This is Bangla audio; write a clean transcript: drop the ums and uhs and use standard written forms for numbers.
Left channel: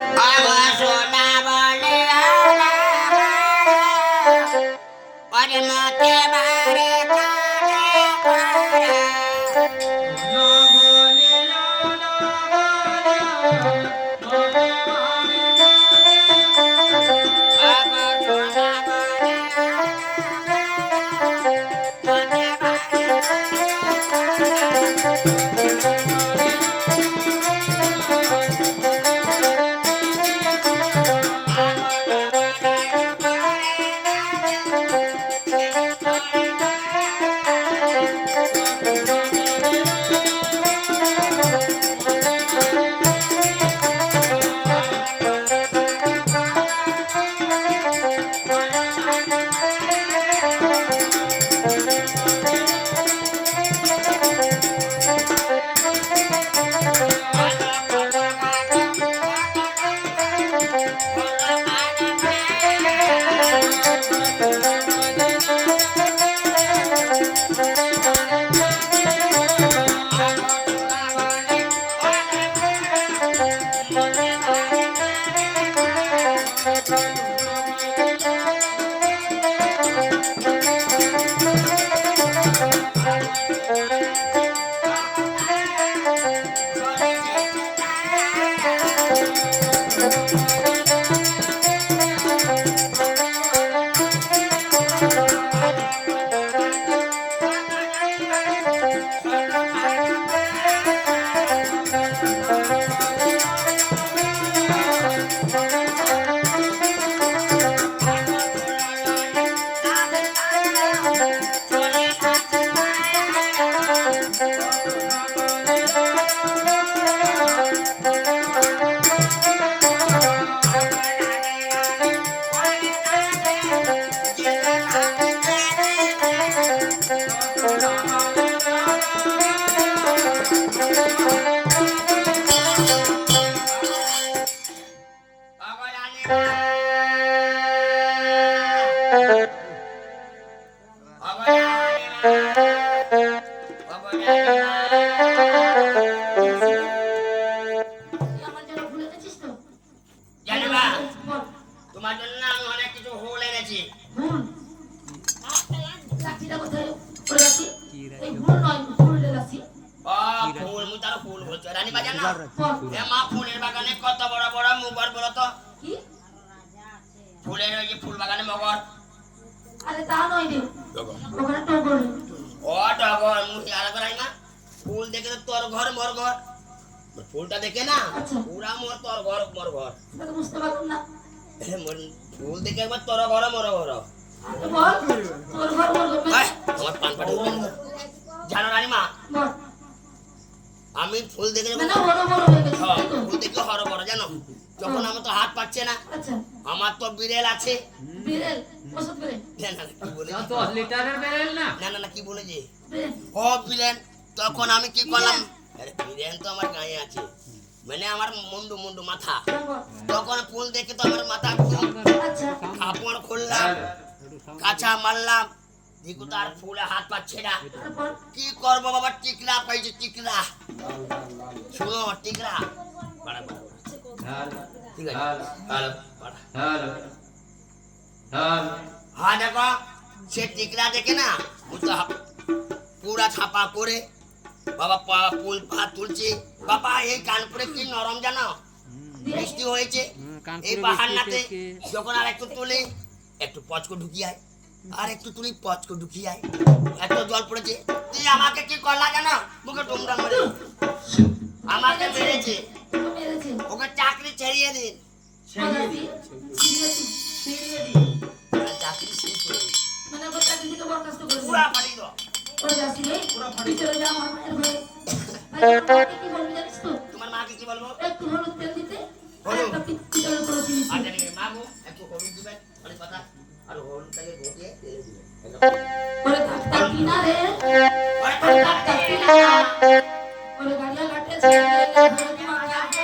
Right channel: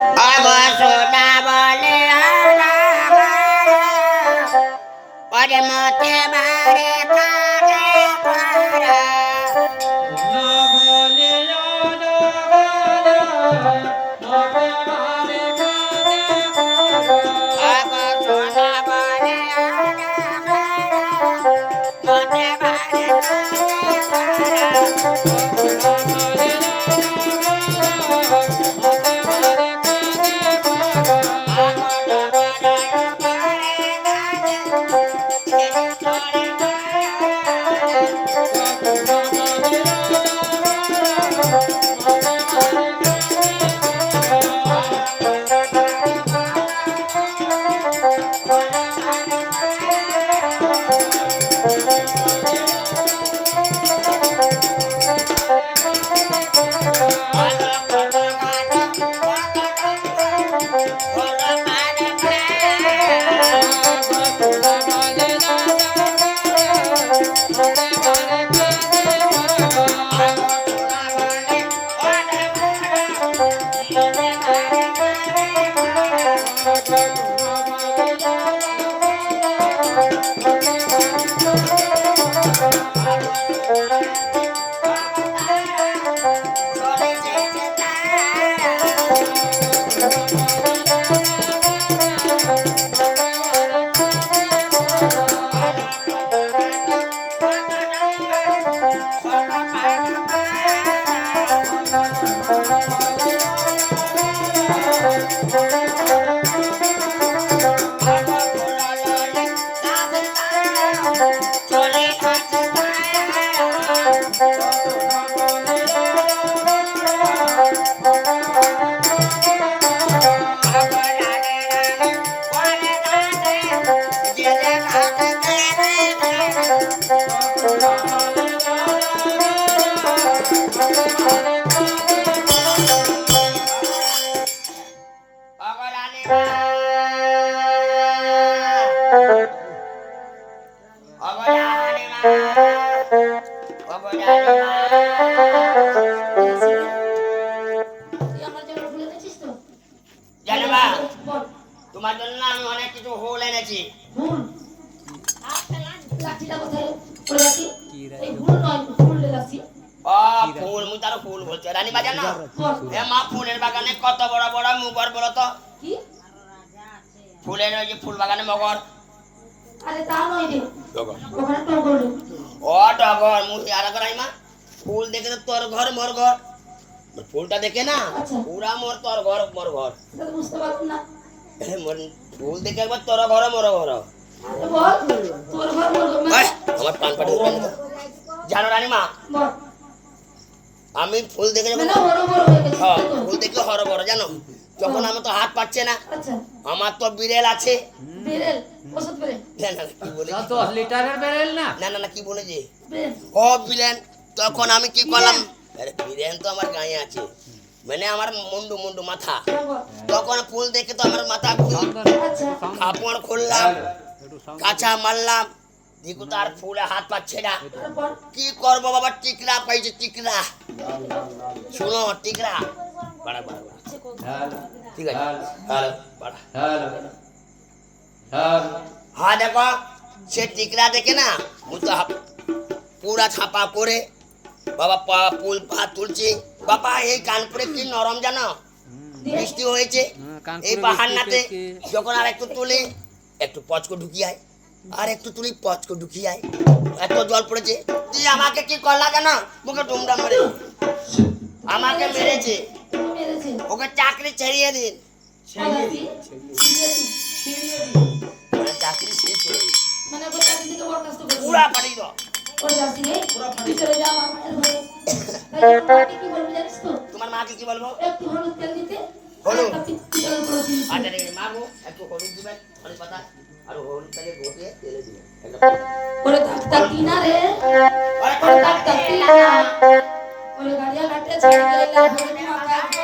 আমার সোনা বলে পরে মতে বারে কারে করা তোমার জন্য আমি অনেক কিছু ফুল এনেছি। ফুল মুই তার ফুল বলছো রানী বাজার না মা ফুলের বাগানে কত বড় বড় মুগর বলো তো ফুলের ওই যে ফুল বাগানে মগর ও টগর মুই আর করাই মা ফুল দেখে তো তোর ঘর মোর ঘর ফুলটা দেখে না পুরা মোর তোর ঘর মোর ঘর বুঝতে পারবো না ফুল দেখে একবার তোর ঘর মোর ঘর জানো রানী মা আমি ফুল দেখে ফুল দেখে হর বড় জানো যখন আমার তো হাত পাচ্ছে না আমার তো বিড়েল আছে না না না কি বলেছে ও বিলেন তখন আমি কি করলাম বিলেন তো আমার গায়ে আছে মানে আমার মুন্ডু মুন্ডু মাথা তখন ফুল দেখে তো আমার মাথা কাপড় খুললাম কাঁচা মারলাম দেখো তার ফুলে হাত পাচ্ছে না কি করবো বাবা টিকরা পাইছে টিকরা শুনো টিকরা বাড়া বাড়া ঠিক আছে হ্যাঁ দেখো সে টিকরা দেখে না পুরা ছাপা করে বাবা ফুল পা তুলছে বাবা এই কানপুরে কি নরম জানো বৃষ্টি হয়েছে এই বাহান্নাতে যখন আর একটু তুলে একটু পচকো ঢুকিয়ায় আর একটু তুলি পচকো ঢুকিয়ায় এত জল পড়েছে তুই আমাকে কি করলা কেন মুখে ডুমডা মেরে আমাকে মেরেছে ওকে চাকরি ছেড়িয়ে দিন চাকরি শেষ হয়ে পুরা পাড়ি গো তোমার মাকে কি বলবো হলুদ আচ্ছা ঠিক আছে মাগো একটু হলুদ দিবেন হলুদ পাতা আর হলুদটাকে গটিয়ে তেলে দিবেন ওরে ডাক্তার কিনা রে ওরে ডাক্তার কিনা ওরে গাড়িয়া ঘাটে ছেড়ে গেলা